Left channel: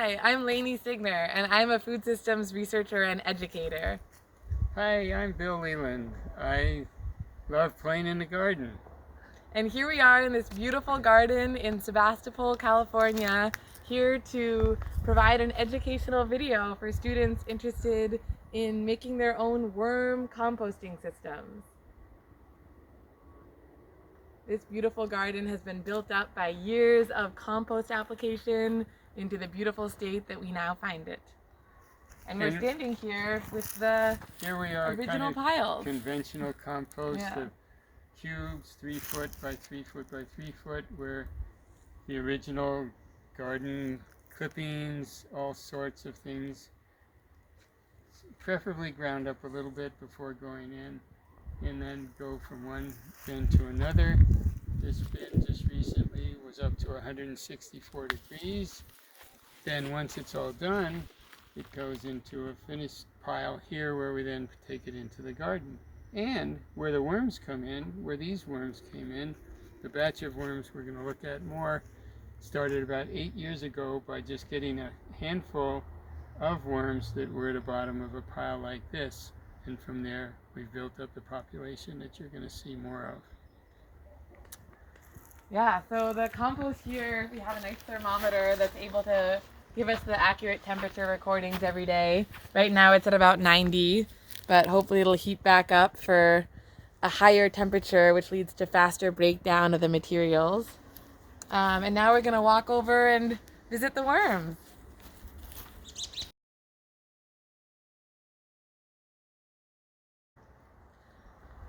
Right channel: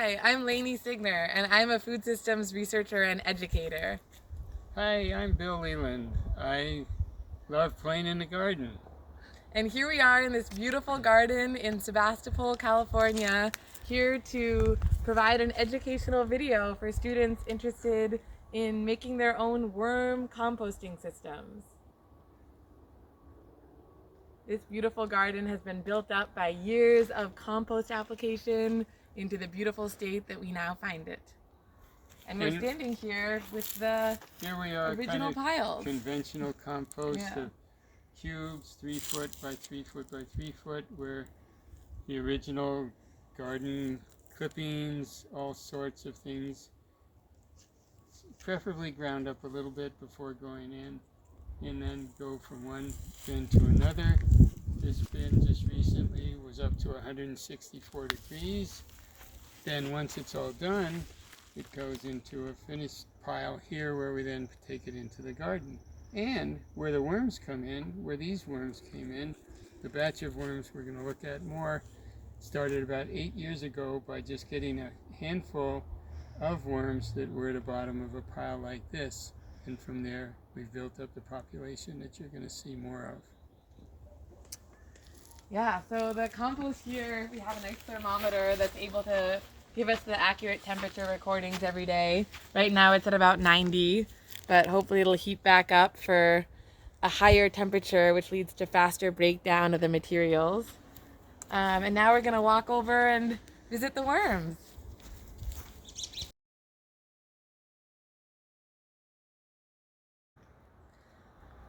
Hi, I'm Lainey Signer, and I'm a food systems researcher and educator. Hi, I'm Bill Leland. I love playing in the garden. And here we are in this beautiful garden in Sebastopol, California, here to provide an educational video for students interested in making their own worm composting systems. This beautiful garden has been built up by years of compost application into the beautiful state that we now find it. And we're standing here with the Here we are, original piles. Conventional compost Yeah. of cubes, 3 foot by 3 foot by 3 foot, where the original garden clippings, all sorts of things, preferably ground up a little bit before going in, and then go from one bin to another. This bin just recently was up to 164 degrees. Then once it's all done, it goes into a finished pile here where we then take it into the garden. And where the worms come in, where these worms came in, the batch of worms we're going to look at more started about 8 years ago by just getting a handful of worms that were at the bottom of a pile like this. And from there, we've built up the population that you're going to see more of. Yeah, so the compost here, we have a nice thermometer that's able to give us the accurate temperature recordings every day. Right now it's at about 90, but hopefully it'll heat back up for a higher temperature, which leads to faster breakdown of the materials. And now we're gonna walk over and visit the worms.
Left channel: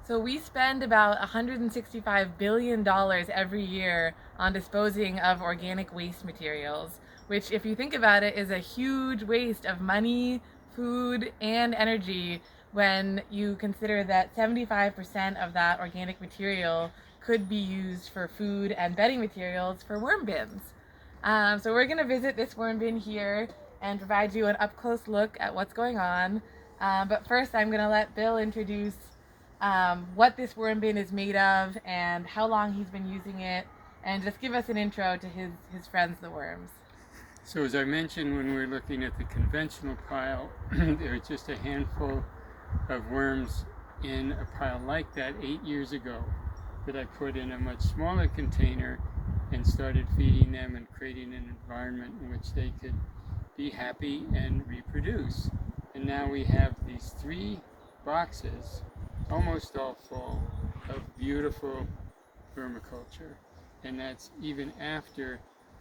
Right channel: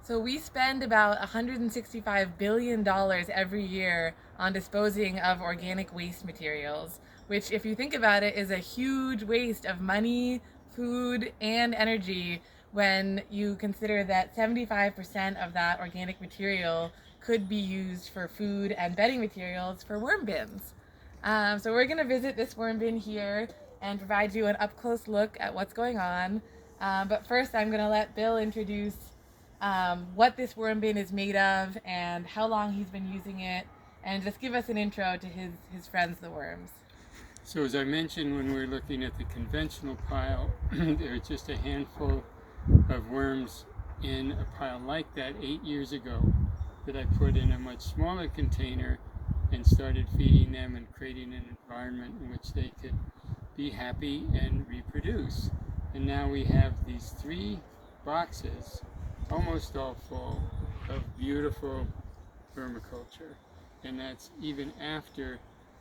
So we spend about $165 billion every year on disposing of organic waste materials, which, if you think about it, is a huge waste of money, food, and energy when you consider that 75% of that organic material could be used for food and bedding materials for worm bins. So we're going to visit this worm bin here and provide you an up-close look at what's going on. But first, I'm going to let Bill introduce what this worm bin is made of and how long he's been using it, and just give us an intro to his friends, the worms. So as I mentioned when we were looking at the conventional pile, there are just a handful of worms in a pile like that 8 years ago that I put in a much smaller container and started feeding them and creating an environment in which they could be happy and reproduce. And now we have these 3 boxes, almost all full, of beautiful permaculture. And that's even after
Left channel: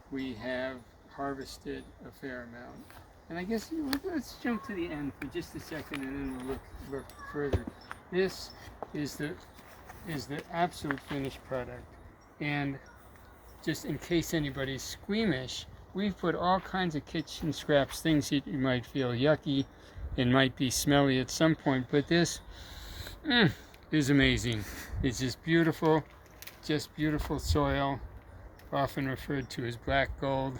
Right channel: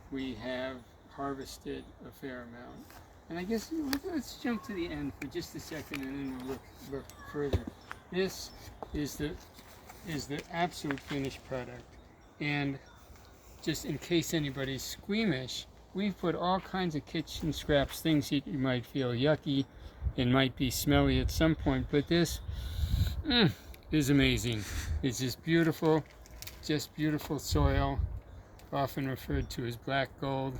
we have harvested a fair amount. And I guess let's jump to the end for just a second, and then we'll look further. This is the absolute finished product. And just in case anybody's squeamish, we've put all kinds of kitchen scraps, things that you might feel yucky and might be smelly at some point, but this is amazing. It's just beautiful soil, often referred to as black gold,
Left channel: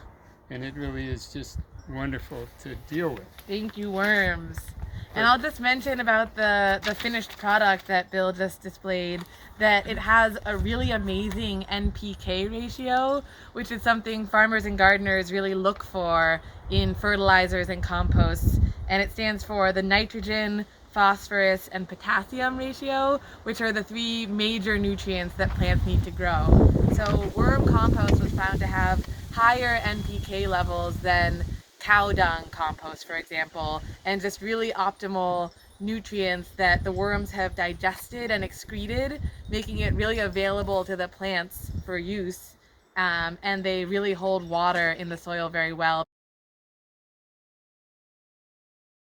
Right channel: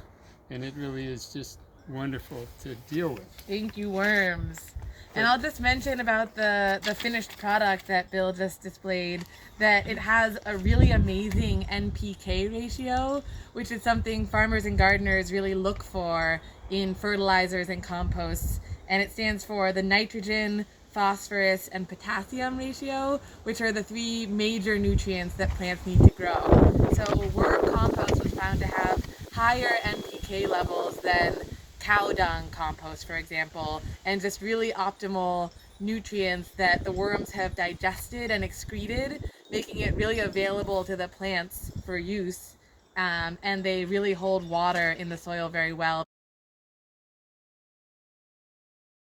and it really is just wonderful to deal with. Thank you, worms. And I'll just mention about the finished product that Bill just displayed, that it has a really amazing NPK ratio, which is something farmers and gardeners really look for in fertilizers and composts. And it stands for the nitrogen, phosphorus, and potassium ratio, which are the 3 major nutrients that plants need to grow. So worm compost was found to have higher NPK levels than cow dung compost, for example, and just really optimal nutrients that the worms have digested and excreted, making it really available to the plants for use. And they really hold water in the soil very well.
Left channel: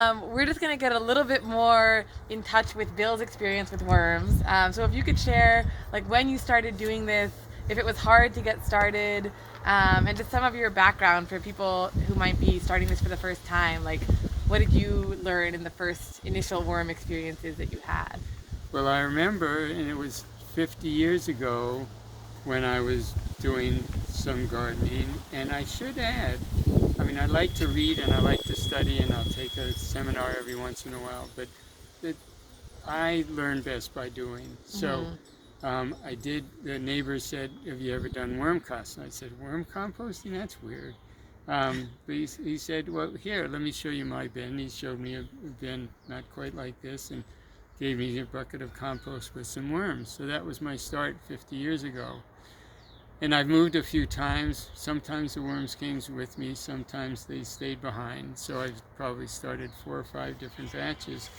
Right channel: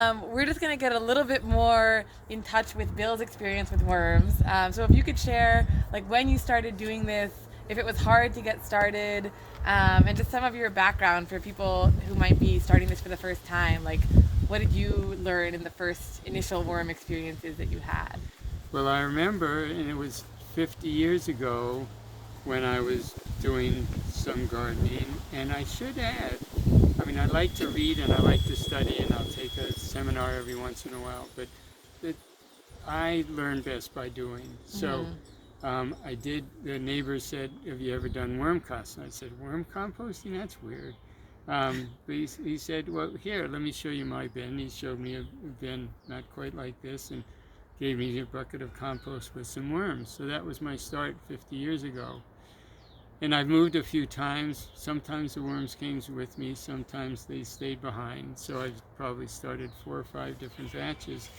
We're just going to get a little bit more in touch with Bill's experience with worms. So if you could share, like, when you started doing this, if it was hard to get started, and just some of your background for people who might be starting this for the first time. Like, what did you learn in the first initial worm experiences that you had? Well, I remember, and it was 50 years ago when I was doing some gardening, and I should add, I mean, I like to read and I like to study, and I'll take a seminar every once in a while, but I learn best by doing. So I did, the neighbor said, have you ever done worm composting? I said, worm composting? That's weird. But he said, well, here, let me show you my bin. He showed me a bin not quite like this and gave me a bucket of compost with some worms. So that was my start 50 years ago. And I've moved a few times. Sometimes the worms came with me, sometimes they stayed behind. So I've probably started 4 or 5 different batches.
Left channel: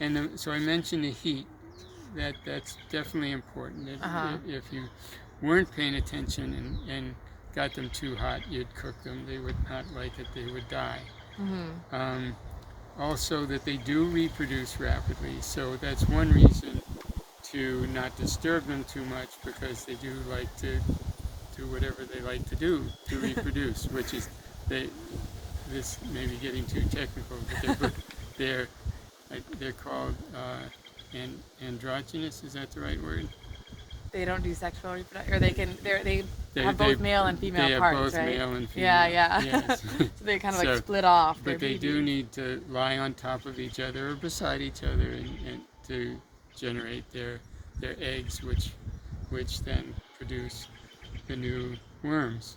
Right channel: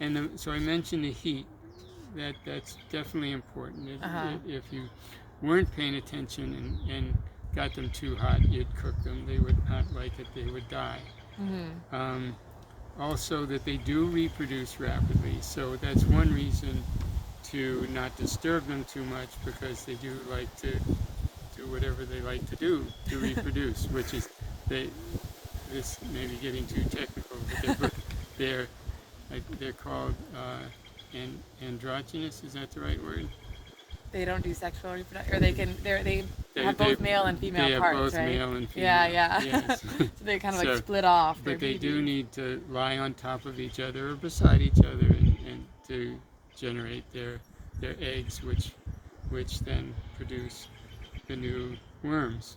And so I mentioned the heat. That's definitely important. If you weren't paying attention and got them too hot, you'd cook them. They would not like it. They would die. Also, that they do reproduce rapidly. So that's one reason to not disturb them too much, because they do like to do whatever they like to do to reproduce, which is this may be getting too technical, but they're called androgynous. Is that the right word? They don't do sexual reproduction, or they have both male and female parts, both right? male and female. Yeah. Yes. So they kind of like split off. But they do need to lie on top of each other or beside each other and to generate their eggs, which then produce the new worms.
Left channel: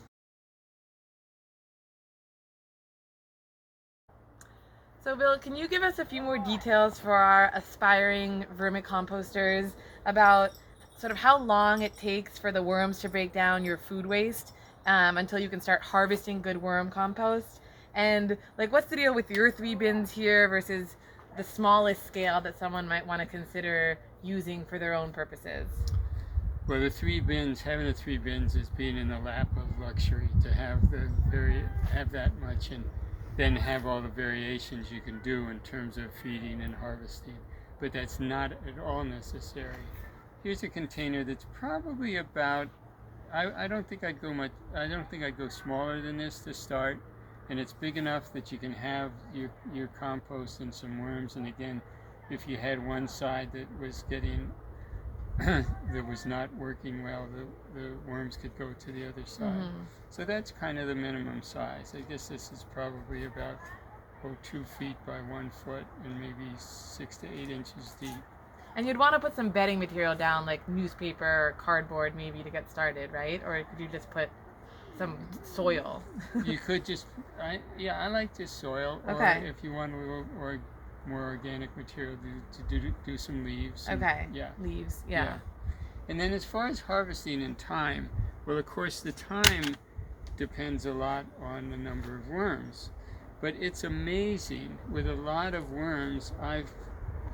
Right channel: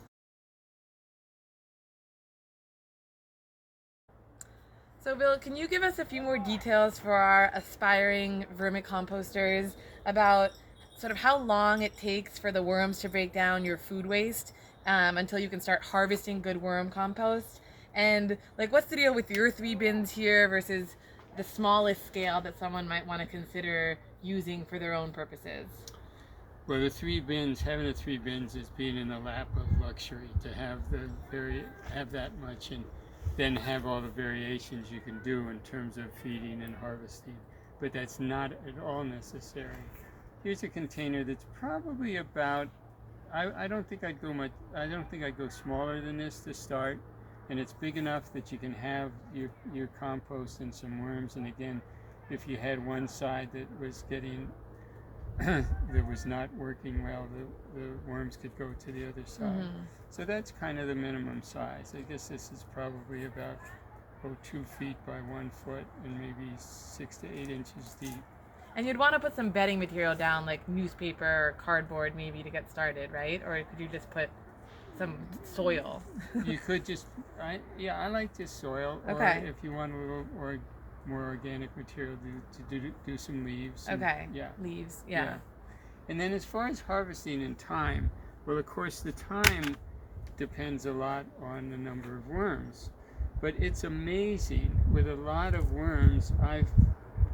So Bill, can you give us a few more details for our aspiring vermicomposters about sort of how long it takes for the worms to break down your food waste until you can start harvesting good worm compost? And like, what's the deal with your 3 bins here versus the smallest scale that someone might want to consider using for their own purposes? Well, having the 3 bins is being in the lap of luxury, to have that much and then have all the variations you can do in terms of feeding and harvesting. But that's not at all necessary. Here's a container that's probably about, I don't think I'd go smaller than this to start, and it's big enough that you can have your compost and some worms. And again, if you had one side that was getting that was not working well, the worms could go to the other side. So that's kind of the minimum size. I guess this is probably about 2 feet by 1 foot and maybe 6 to 8 inches deep. And you'd want to put some bedding material down, like newspaper or cardboard maybe, to get started, right? Or could you just put some soil? You could just, I like just soil. Okay. Or if you want a little more organic material, to do some leaves. Okay. Yeah. Leaves. Yeah. And then as far as harvesting and time, well, of course, the time depends a lot on the number of worms. But it's amazing. With a lot of worms, I've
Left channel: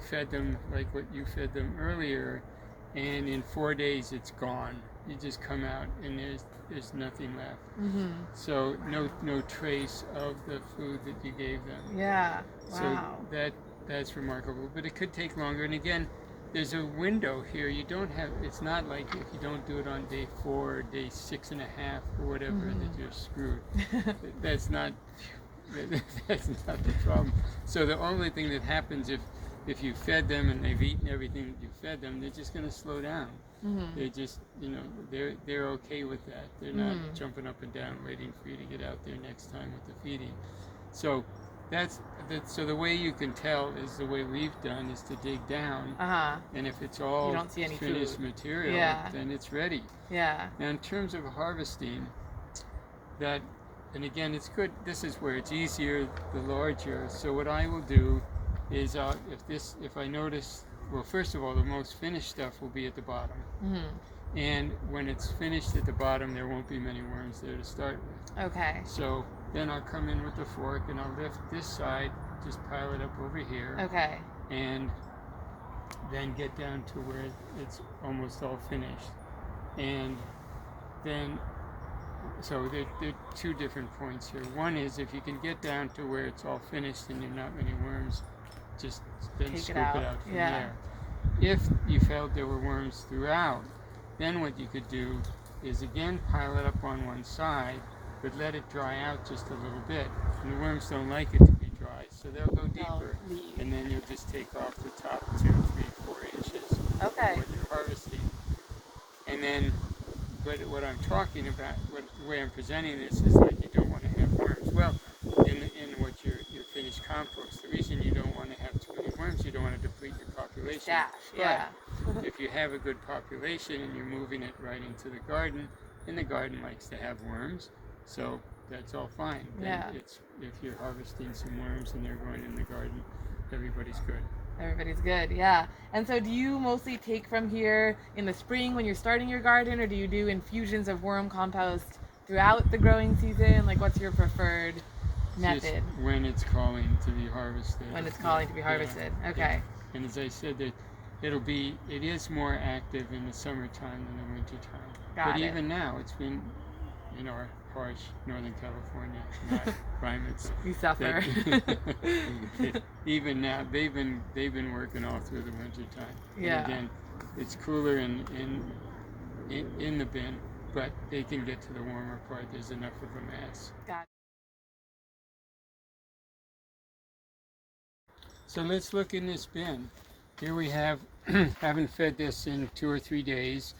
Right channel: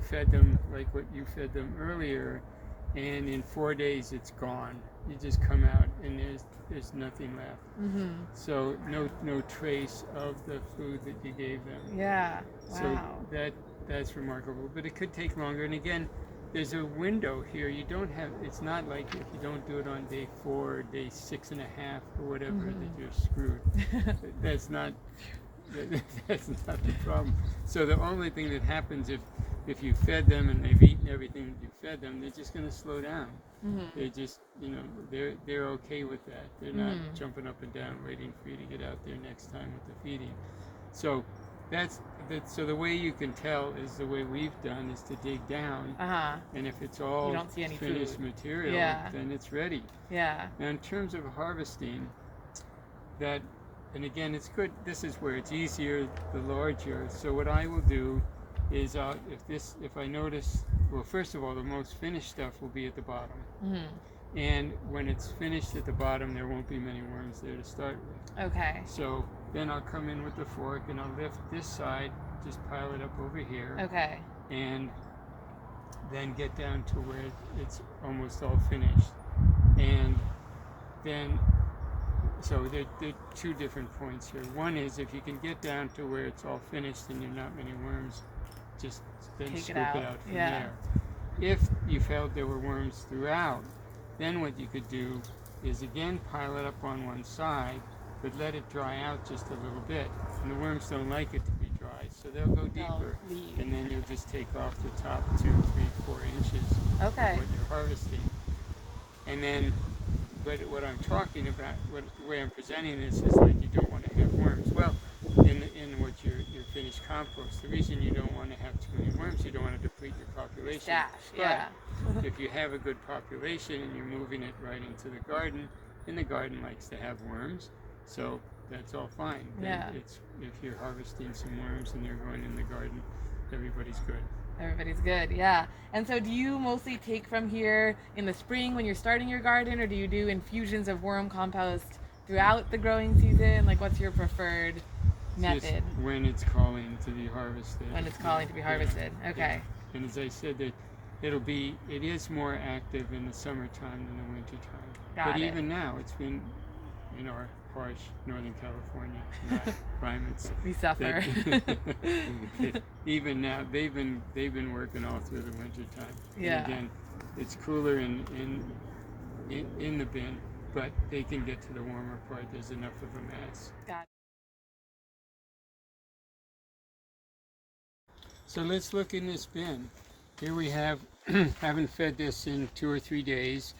fed them like what you fed them earlier, and in 4 days it's gone. You just come out and there's nothing left. So no trace of the food that you gave them. Yeah. Wow. So that's remarkable. But it could take longer. And again, there's a window here. It's not like if you don't do it on day 4 or day 6.5 or whatever that you're screwed. That's not the problem. So the only thing that happens if you fed them and they've eaten everything that you fed them, they're just going to slow down. They're just, they're okay with that. They're not jumping up and down waiting for you to get out there next time with the feeding. So so the way you can tell is the way we've done is to dig down, and if it's all you don't see any finished food. material, then it's ready. Yeah. Now in terms of harvesting, and again, it's good. This is where it's easier, the larger. So what I will do is if I notice, well, first of all, the most finished stuff will be at the bottom. And when it's finished at the bottom, there won't be many worms there to start with. Okay. So then I'll come in with the fork and I'll lift this side, just pile it up over here. Okay. And then get down to where it's almost all finished. And then, so there are 2 different points here. One is if you can get down to where it's all finished and there are not many worms, just then scoop it out from there. If you felt there were worms throughout, then what you could do is again pile it up on one side, but let it dry out just a little bit. And the worms don't like it to be dry, so they'll go deeper. And then you'll just take off the top 2, 3, 4 inches of what you're harvesting. And then, but what I'm talking about, the way I'm presenting this is like you don't want to have worms. Well, in what your finished compost, the reason you don't want to have too many worms, you don't want to deplete your population. But if you have a good population and you're moving it right into the garden, and the garden likes to have worms, so that's all fine. Yeah. It's, if you're harvesting some worms and they're going in the garden, everybody's good. Everybody's good, yeah. And so do you mostly take from here in the spring when you're starting your garden, or do you do infusions of worm compost throughout the growing season? Like, what's your preferred method? Just when it's calling to be harvested. When it's calling to be harvested, okay. Yeah. And as I said, that it is more active in the summertime than the wintertime. But even now, it's been in our harsh Northern California climates. We suffer. Even now, they've been working all through the wintertime. Yeah. And again, it's cooler in the bin, but they can get to the warmer part. There's enough of a mass. Got it. So let's look in this bin. Here we have, haven't fed this in 2 or 3 days.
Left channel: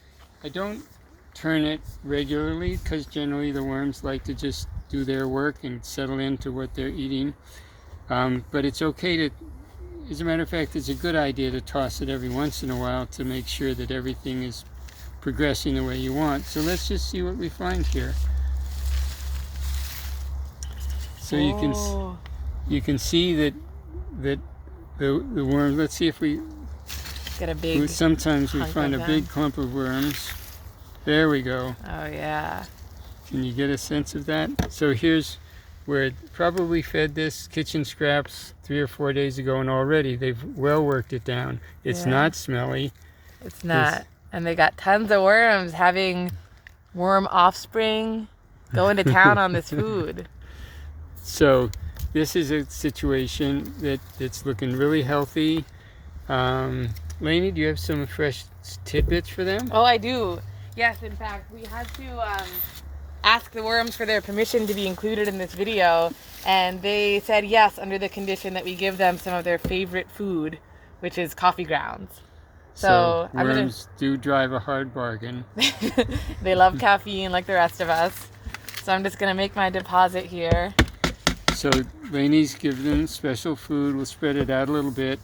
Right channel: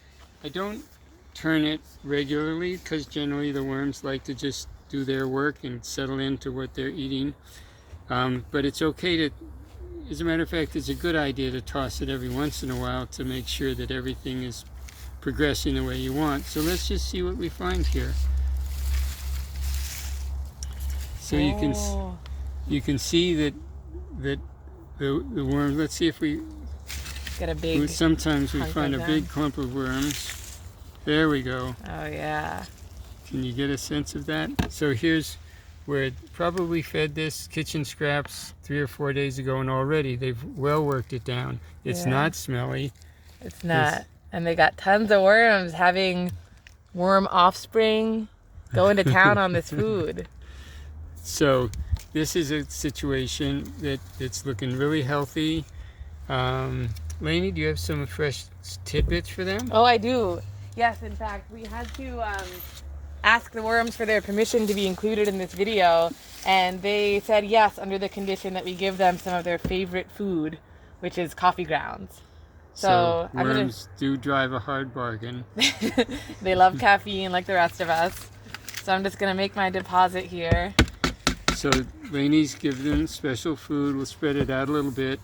I don't turn it regularly because generally the worms like to just do their work and settle into what they're eating. But it's okay to, as a matter of fact, it's a good idea to toss it every once in a while to make sure that everything is progressing the way you want. So let's just see what we find here. So you can see that the worms, let's see if we get a big sometimes we find a big clump of worms. There we go. Oh yeah. Can you get a sense of that? So here's where it probably fed this kitchen scraps 3 or 4 days ago, and already they've well worked it down. It's not smelly. It's not. And they got tons of worms, having worm offspring going to town on this food. So this is a situation that's looking really healthy. Lainey, do you have some fresh tidbits for them? Oh, I do. Yes, in fact, we had to ask the worms for their permission to be included in this video, and they said yes under the condition that we give them some of their favorite food, which is coffee grounds. So I'm gonna. Worms do drive a hard bargain. They love caffeine like the rest of us. So I'm just gonna make my deposit here. So Lainey's give them special food. We'll spread it out a little bit,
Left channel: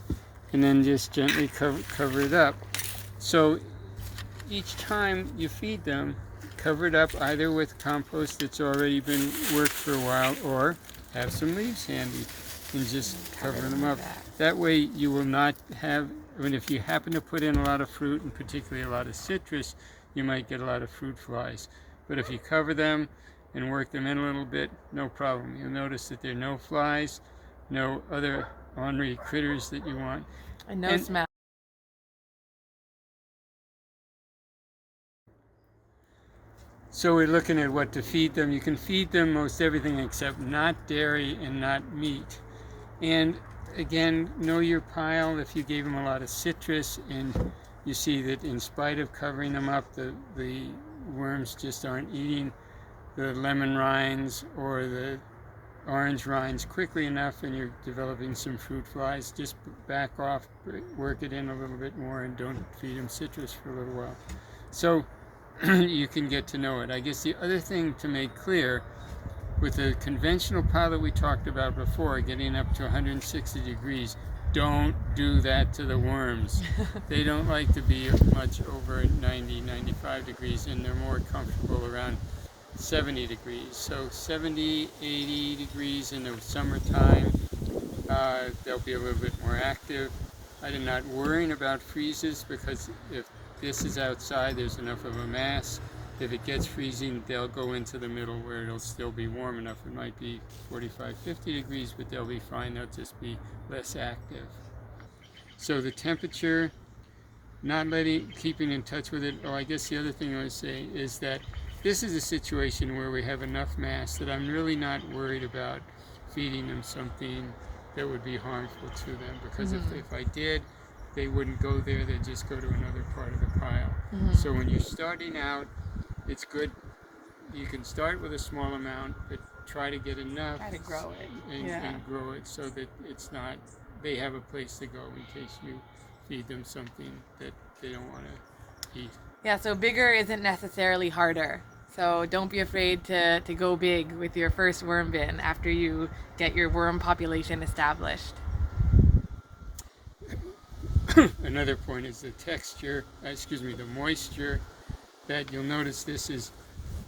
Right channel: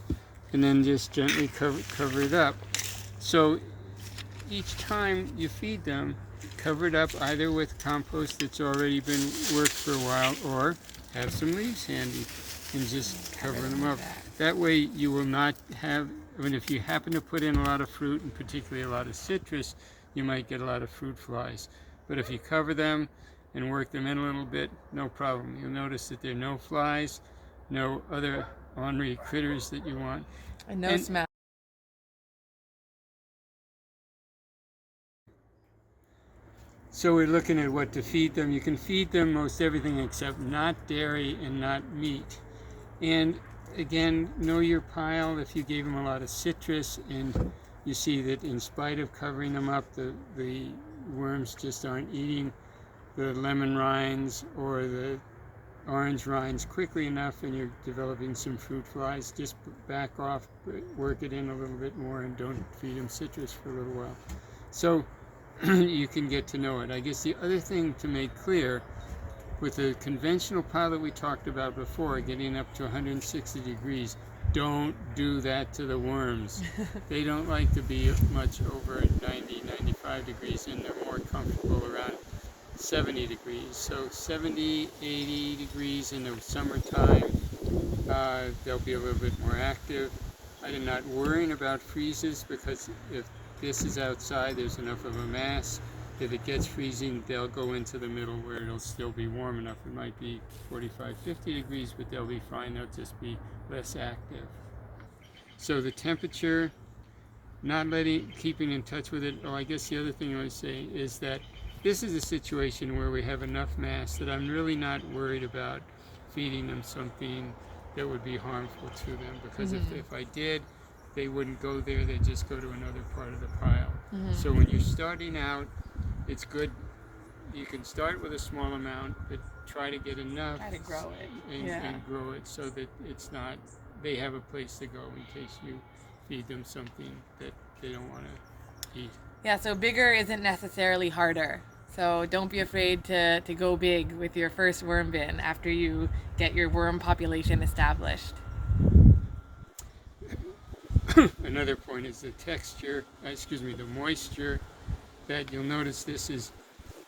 and then just gently cover it up. So each time you feed them, cover it up either with compost that's already been worked for a while, or have some leaves handy and just cover them up. That way you will not have, I mean, if you happen to put in a lot of fruit, and particularly a lot of citrus, you might get a lot of fruit flies. But if you cover them and work them in a little bit, no problem. You'll notice that there are no flies, no other ornery critters that you want. And no smell. So we're looking at what to feed them. You can feed them most everything except not dairy and not meat. And again, know your pile. If you gave them a lot of citrus and you see that in spite of covering them up, the worms just aren't eating the lemon rinds or the orange rinds quickly enough, and you're developing some fruit flies, just back off, work it in a little bit more, and don't feed them citrus for a little while. So you can get to know it. I guess the other thing to make clear, with the conventional pile that we talked about before, getting up to 160 degrees, don't do that to the worms. They don't like to be much over 90, 95 degrees, and they're more comfortable around 70 degrees. So 70, 80 degrees in the summertime, they'll be a little bit more active. I'm not worrying about freezes, because if this is outside, there's enough of a mass. If it gets freezing, they'll go into the middle where it'll still be warm enough. It might be 45, 50 degrees, but they'll be fine. They'll just be less active. So the temperature, keeping in touch with it. Oh, I guess the other thing I would say is that this is a situation where we have enough mass that I'm really not worried about feeding them something that would be harmful to them, because if I did, they wouldn't go there, they'd just go to another part of the pile. So when you're starting out, it's good, you can start with a small amount, but try to get enough. Try to grow it. And grow it so that it's not, they have a place to go in case you feed them something that they don't want to eat. Yeah, so bigger isn't necessarily harder. So don't be afraid to go big with your first worm bin after you get your worm population established. Another point is the texture, the moisture, that you'll notice this is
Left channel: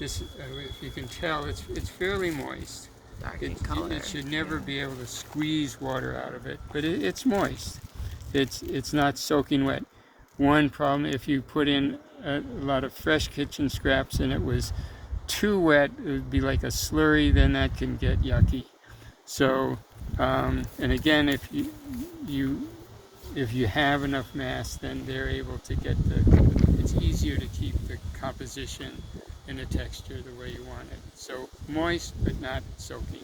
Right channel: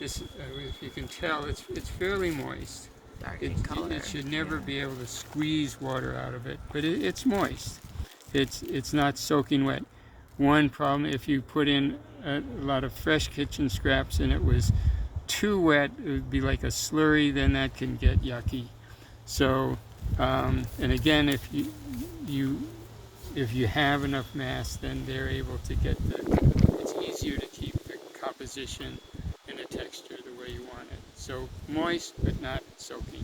this, if you can tell, it's fairly moist. Dark in color. It should never be able to squeeze water out of it, but it's moist. It's not soaking wet. One problem, if you put in a lot of fresh kitchen scraps and it was too wet, it would be like a slurry, then that can get yucky. So, and again, if you have enough mass, then they're able to get it's easier to keep the composition and the texture the way you want it. So moist, but not soaking.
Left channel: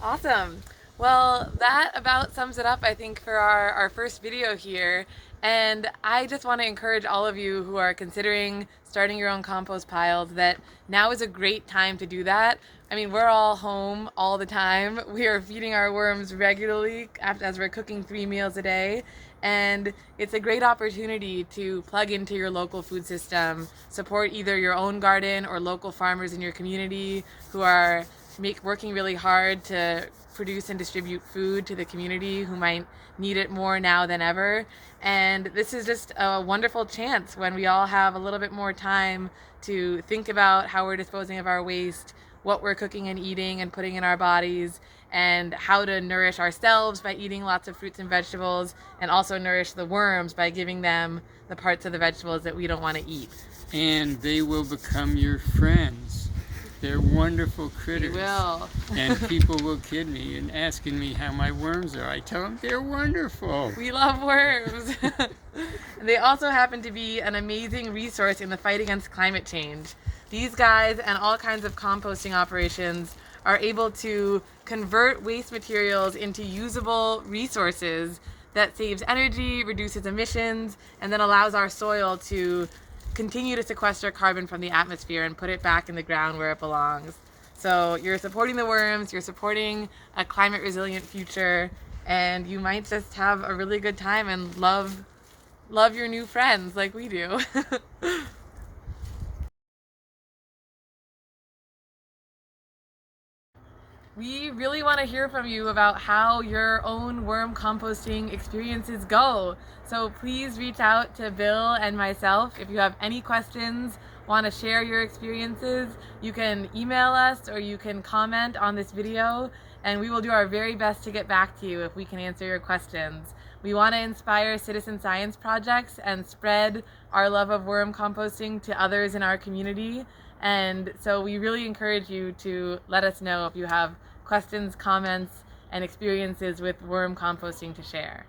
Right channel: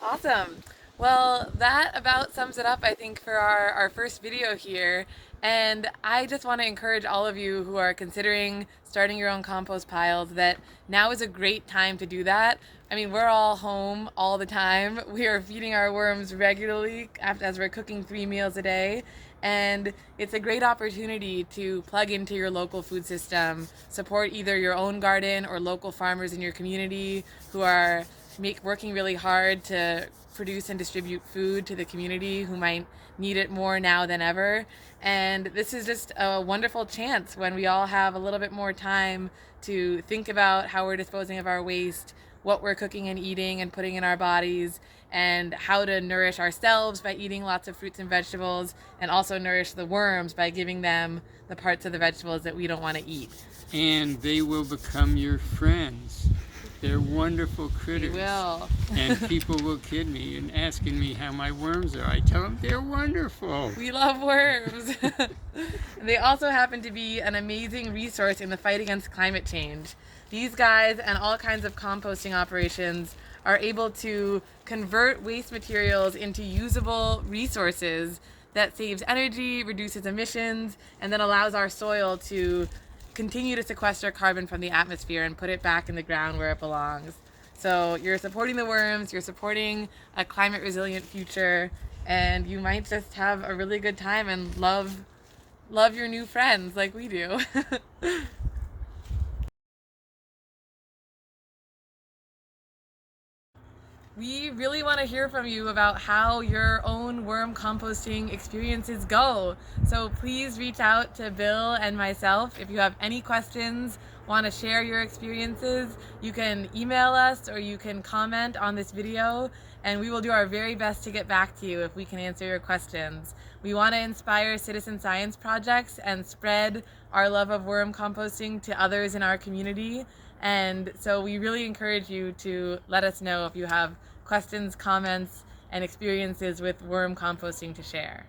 Awesome. Well, that about sums it up, I think, for our first video here. And I just want to encourage all of you who are considering starting your own compost piles that now is a great time to do that. I mean, we're all home all the time. We are feeding our worms regularly as we're cooking 3 meals a day. And it's a great opportunity to plug into your local food system, support either your own garden or local farmers in your community who are working really hard to produce and distribute food to the community who might need it more now than ever. And this is just a wonderful chance when we all have a little bit more time to think about how we're disposing of our waste, what we're cooking and eating and putting in our bodies, and how to nourish ourselves by eating lots of fruits and vegetables, and also nourish the worms by giving them the parts of the vegetables that we don't want to eat. And they will become your friends. They're wonderful critters. They will. And people will kid me and asking me how my worms are. I tell them they're wonderful. We love worms. They also happen to be an amazing resource in the fight against climate change. These guys and all kinds of composting operations are able to convert waste materials into usable resources that saves energy, reduces emissions, and then allows our soil to continue to sequester carbon from the atmosphere and put it back in the ground where it belongs. So you're supporting the worms, you're supporting a climate resilient future, and you might just have a really good time and love your new friends like we do. We really want to hear from you about how your own worm composting experiences go. So please reach out to Bill and myself if you have any questions, want to share your experiences. You can email us or you can comment on this video, and we will do our very best to get back to you if we can answer your questions. We want to inspire citizen science projects and spread our love of worm composting to others in our community. And so we really encourage you to let us know if you have questions, comments, and experiences with worm composting to share.